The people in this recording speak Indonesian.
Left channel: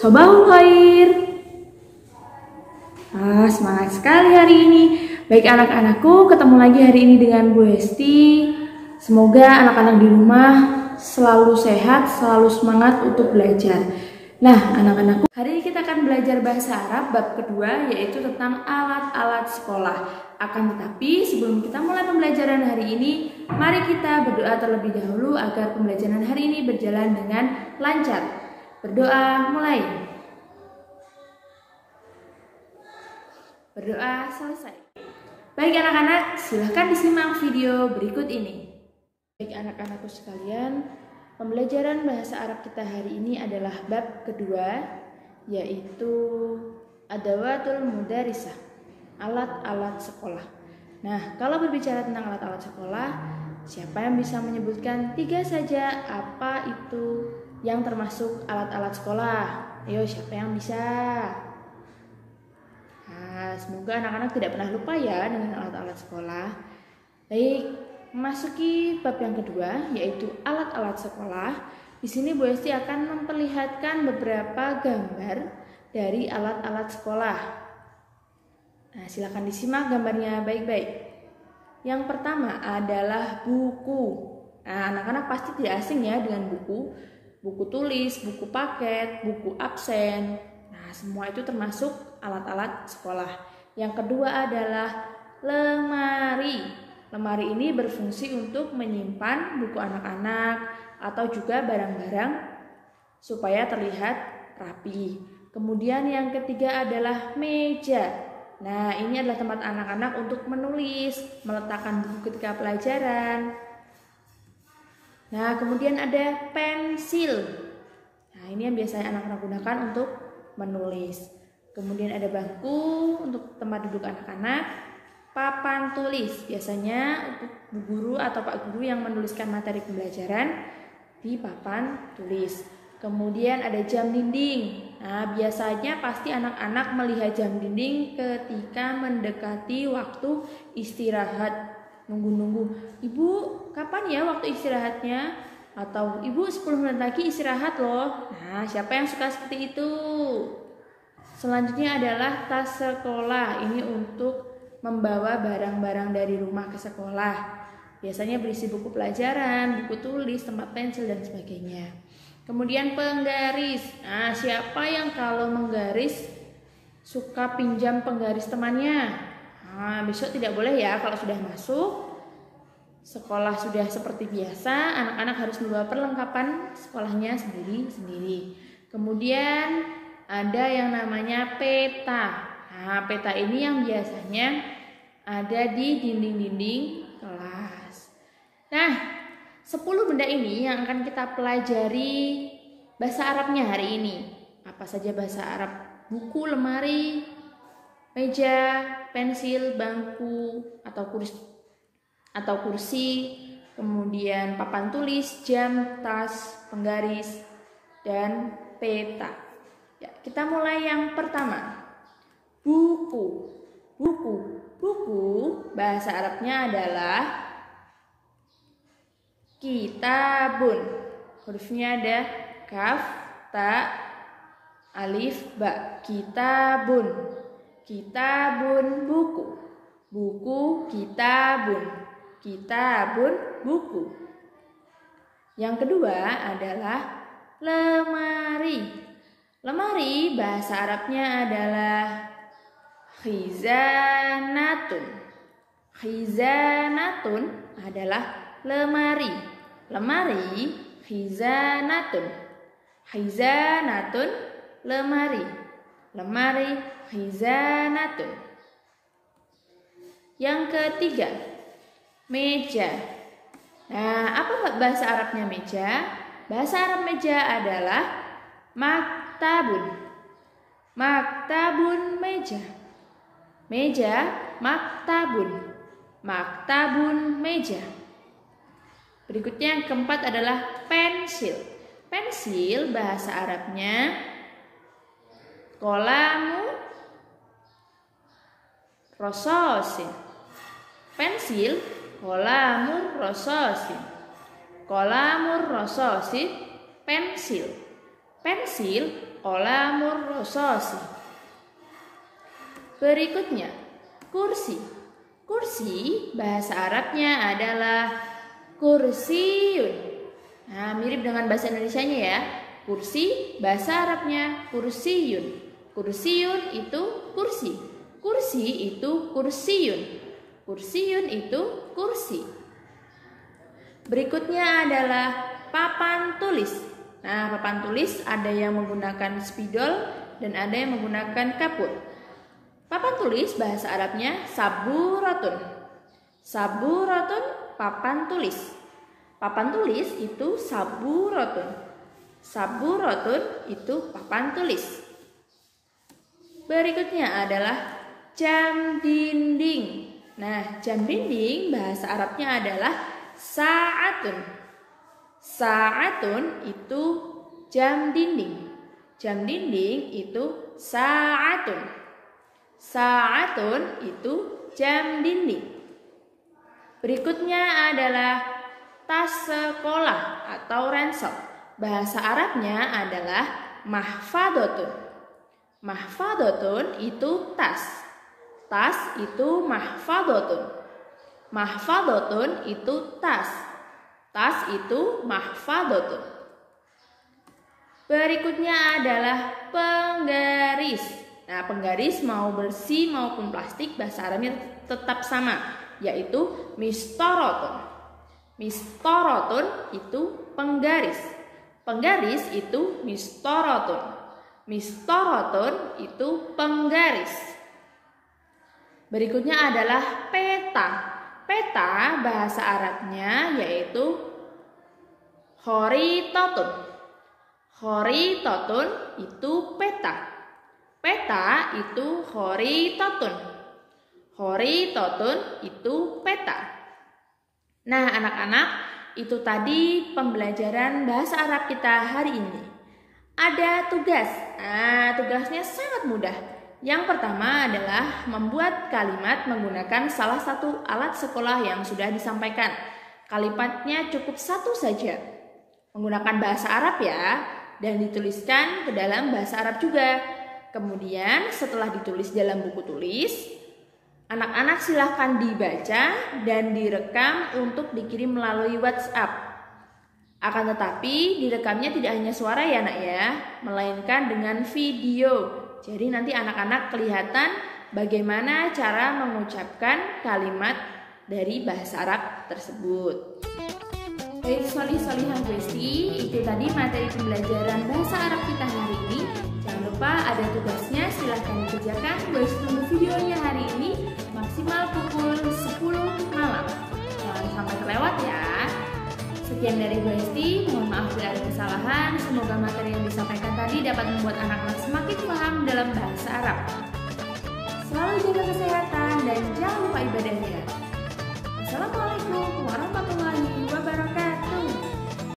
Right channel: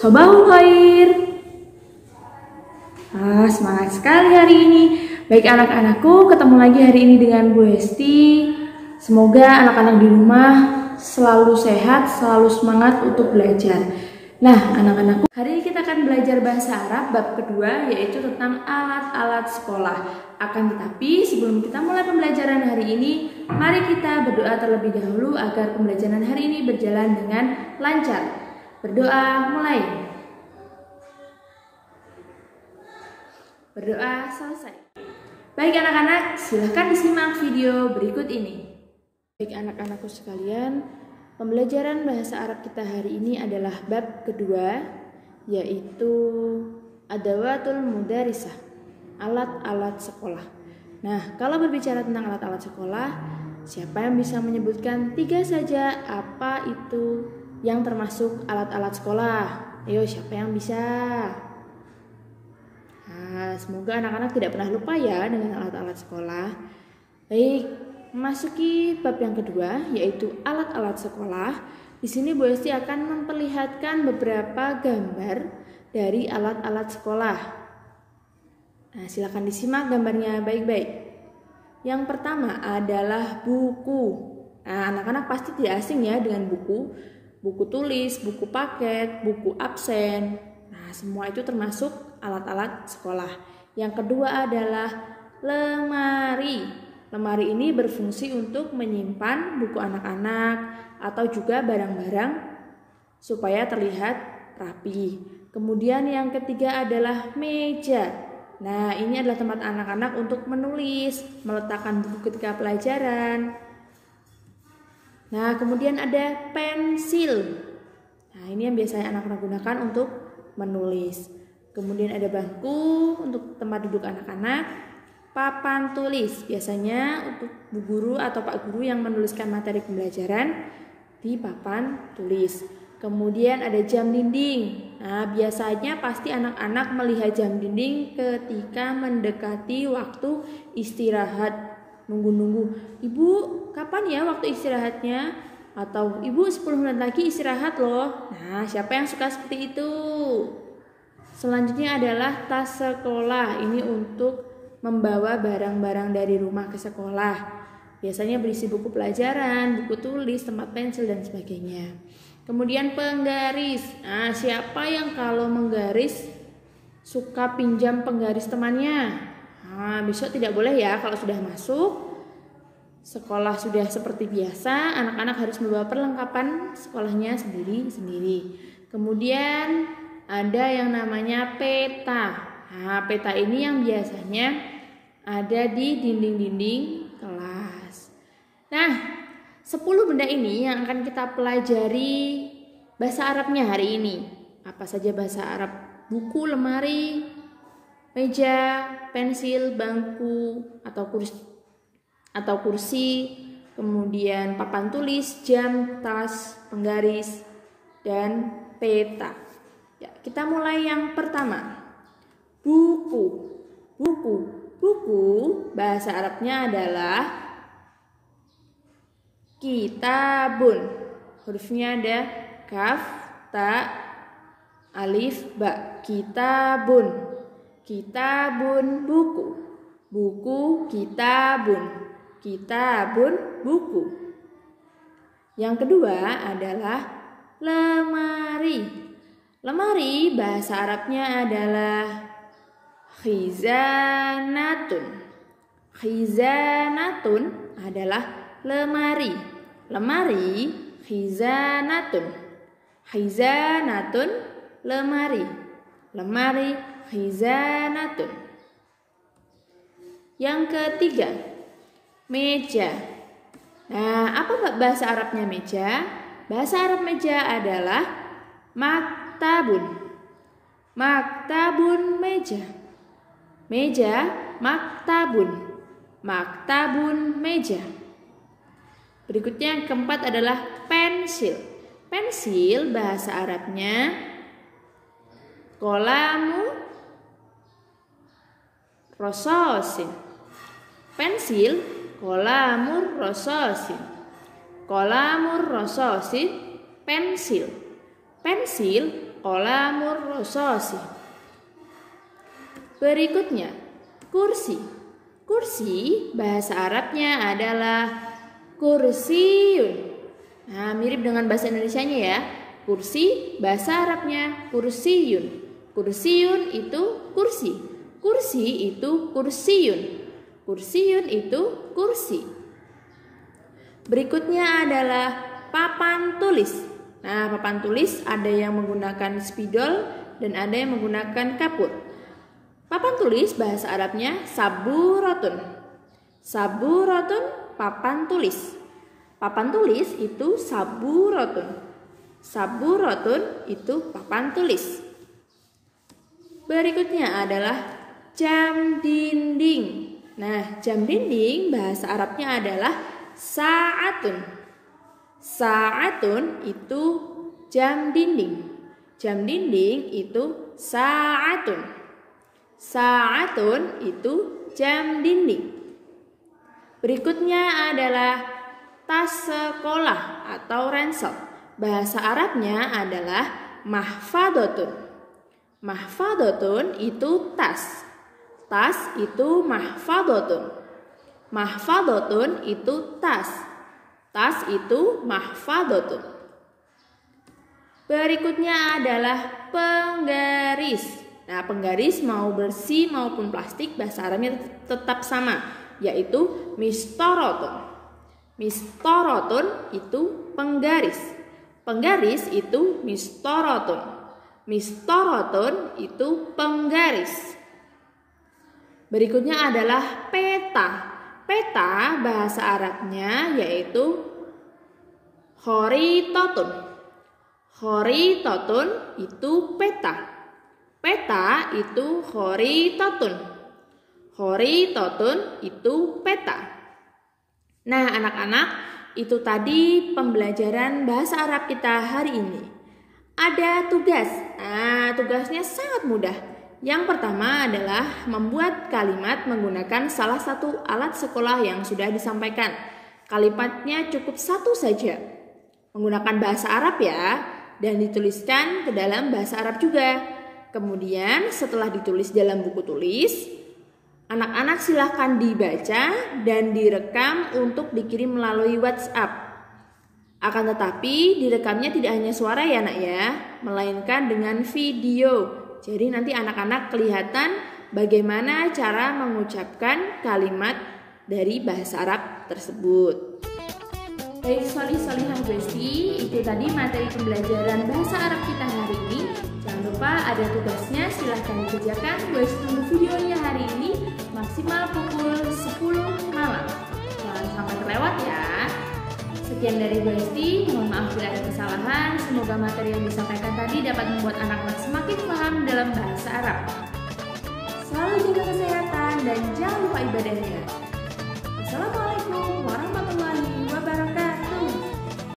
Sobahul Khair. Semangat sekali hari ini. Baik anak-anakku, ketemu lagi hari ini dengan Bu Hesti. Semoga anak-anak di rumah selalu sehat, selalu semangat untuk belajar. Nah, anak-anakku, hari ini kita akan belajar bahasa Arab bab kedua, yaitu tentang alat-alat sekolah. Akan tetapi, sebelum kita mulai pembelajaran hari ini, mari kita berdoa terlebih dahulu agar pembelajaran hari ini berjalan dengan lancar. Berdoa mulai. Berdoa selesai. Baik anak-anak, silahkan disimak video berikut ini. Baik anak-anakku sekalian, pembelajaran bahasa Arab kita hari ini adalah bab kedua, yaitu adawatul mudarisah, alat-alat sekolah. Nah, kalau berbicara tentang alat-alat sekolah, siapa yang bisa menyebutkan 3 saja apa itu yang termasuk alat-alat sekolah? Ayo, siapa yang bisa? Semoga anak-anak tidak pernah lupa ya dengan alat-alat sekolah. Baik, memasuki bab yang kedua, yaitu alat-alat sekolah. Di sini Bu Hesti akan memperlihatkan beberapa gambar dari alat-alat sekolah. Nah, silakan disimak gambarnya baik-baik. Yang pertama adalah buku. Nah, anak-anak pasti tidak asing ya dengan buku. Buku tulis, buku paket, buku absen. Nah, semua itu termasuk alat-alat sekolah. Yang kedua adalah lemari. Lemari ini berfungsi untuk menyimpan buku anak-anak atau juga barang-barang supaya terlihat rapi. Kemudian yang ketiga adalah meja. Nah, ini adalah tempat anak-anak untuk menulis, meletakkan buku ketika pelajaran. Nah, kemudian ada pensil. Nah, ini yang biasanya anak-anak gunakan untuk menulis. Kemudian ada bangku untuk tempat duduk anak-anak. Papan tulis, biasanya untuk bu guru atau pak guru yang menuliskan materi pembelajaran di papan tulis. Kemudian ada jam dinding. Nah, biasanya pasti anak-anak melihat jam dinding ketika mendekati waktu istirahat. Nunggu-nunggu, ibu kapan ya waktu istirahatnya? Atau ibu 10 menit lagi istirahat loh. Nah, siapa yang suka seperti itu? Selanjutnya adalah tas sekolah. Ini untuk membawa barang-barang dari rumah ke sekolah. Biasanya berisi buku pelajaran, buku tulis, tempat pensil, dan sebagainya. Kemudian penggaris. Nah, siapa yang kalau menggaris suka pinjam penggaris temannya? Nah, besok tidak boleh ya kalau sudah masuk. Sekolah sudah seperti biasa, anak-anak harus membawa perlengkapan sekolahnya sendiri-sendiri. Kemudian ada yang namanya peta. Nah, peta ini yang biasanya ada di dinding-dinding kelas. Nah, 10 benda ini yang akan kita pelajari bahasa Arabnya hari ini. Apa saja bahasa Arab? Buku, lemari, meja, pensil, bangku, atau kursi, kemudian papan tulis, jam, tas, penggaris, dan peta. Ya, kita mulai yang pertama. Buku. Buku bahasa Arabnya adalah kitabun. Hurufnya ada kaf, ta, alif, ba. Kitabun. Kitabun buku. Buku kitabun. Kitabun buku. Yang kedua adalah lemari. Lemari bahasa Arabnya adalah khizanatun. Khizanatun adalah lemari. Lemari khizanatun. Khizanatun lemari. Lemari khizanatun. Yang ketiga, meja. Nah, apa bahasa Arabnya meja? Bahasa Arab meja adalah maktabun. Maktabun meja. Meja maktabun. Maktabun meja. Berikutnya yang keempat adalah pensil. Pensil bahasa Arabnya qalamu rososin. Pensil qalamur rososin. Qalamur rososin pensil. Pensil Qolamur rasasin. Berikutnya, kursi. Kursi bahasa Arabnya adalah kursiyun. Nah, mirip dengan bahasa Indonesianya ya. Kursi bahasa Arabnya kursiyun. Kursiyun itu kursi. Kursi itu kursiyun. Kursiyun itu kursi. Berikutnya adalah papan tulis. Nah, papan tulis ada yang menggunakan spidol dan ada yang menggunakan kapur. Papan tulis bahasa Arabnya saburatun. Saburatun papan tulis. Papan tulis itu saburatun. Saburatun itu papan tulis. Berikutnya adalah jam dinding. Nah, jam dinding bahasa Arabnya adalah sa'atun. Sa'atun itu jam dinding. Jam dinding itu sa'atun. Sa'atun itu jam dinding. Berikutnya adalah tas sekolah atau ransel. Bahasa Arabnya adalah mahfadatun. Mahfadatun itu tas. Tas itu mahfadatun. Mahfadatun itu tas. Tas itu mahfadatun. Berikutnya adalah penggaris. Nah, penggaris mau bersih maupun plastik bahasa Arabnya tetap sama, yaitu mistorotun. Mistorotun itu penggaris. Penggaris itu mistorotun. Mistorotun itu penggaris. Berikutnya adalah peta. Peta bahasa Arabnya yaitu khoritatun. Khoritatun itu peta. Peta itu khoritatun. Khoritatun itu peta. Nah, anak-anak, itu tadi pembelajaran bahasa Arab kita hari ini. Ada tugas. Nah, tugasnya sangat mudah. Yang pertama adalah membuat kalimat menggunakan salah satu alat sekolah yang sudah disampaikan. Kalimatnya cukup satu saja. Menggunakan bahasa Arab ya, dan dituliskan ke dalam bahasa Arab juga. Kemudian setelah ditulis dalam buku tulis, anak-anak silahkan dibaca dan direkam untuk dikirim melalui WhatsApp. Akan tetapi direkamnya tidak hanya suara ya nak ya, melainkan dengan video. Jadi nanti anak-anak kelihatan bagaimana cara mengucapkan kalimat dari bahasa Arab tersebut. Baik solih-solihah Besti, itu tadi materi pembelajaran bahasa Arab kita hari ini. Jangan lupa ada tugasnya, silahkan dikerjakan. Besti tunggu videonya hari ini maksimal pukul 10 malam. Jangan sampai terlewat ya. Sekian dari Besti, mohon maaf bila ada kesalahan. Semoga materi yang disampaikan tadi dapat membuat anak-anak semakin paham dalam bahasa Arab. Selalu jaga kesehatan dan jangan lupa ibadahnya.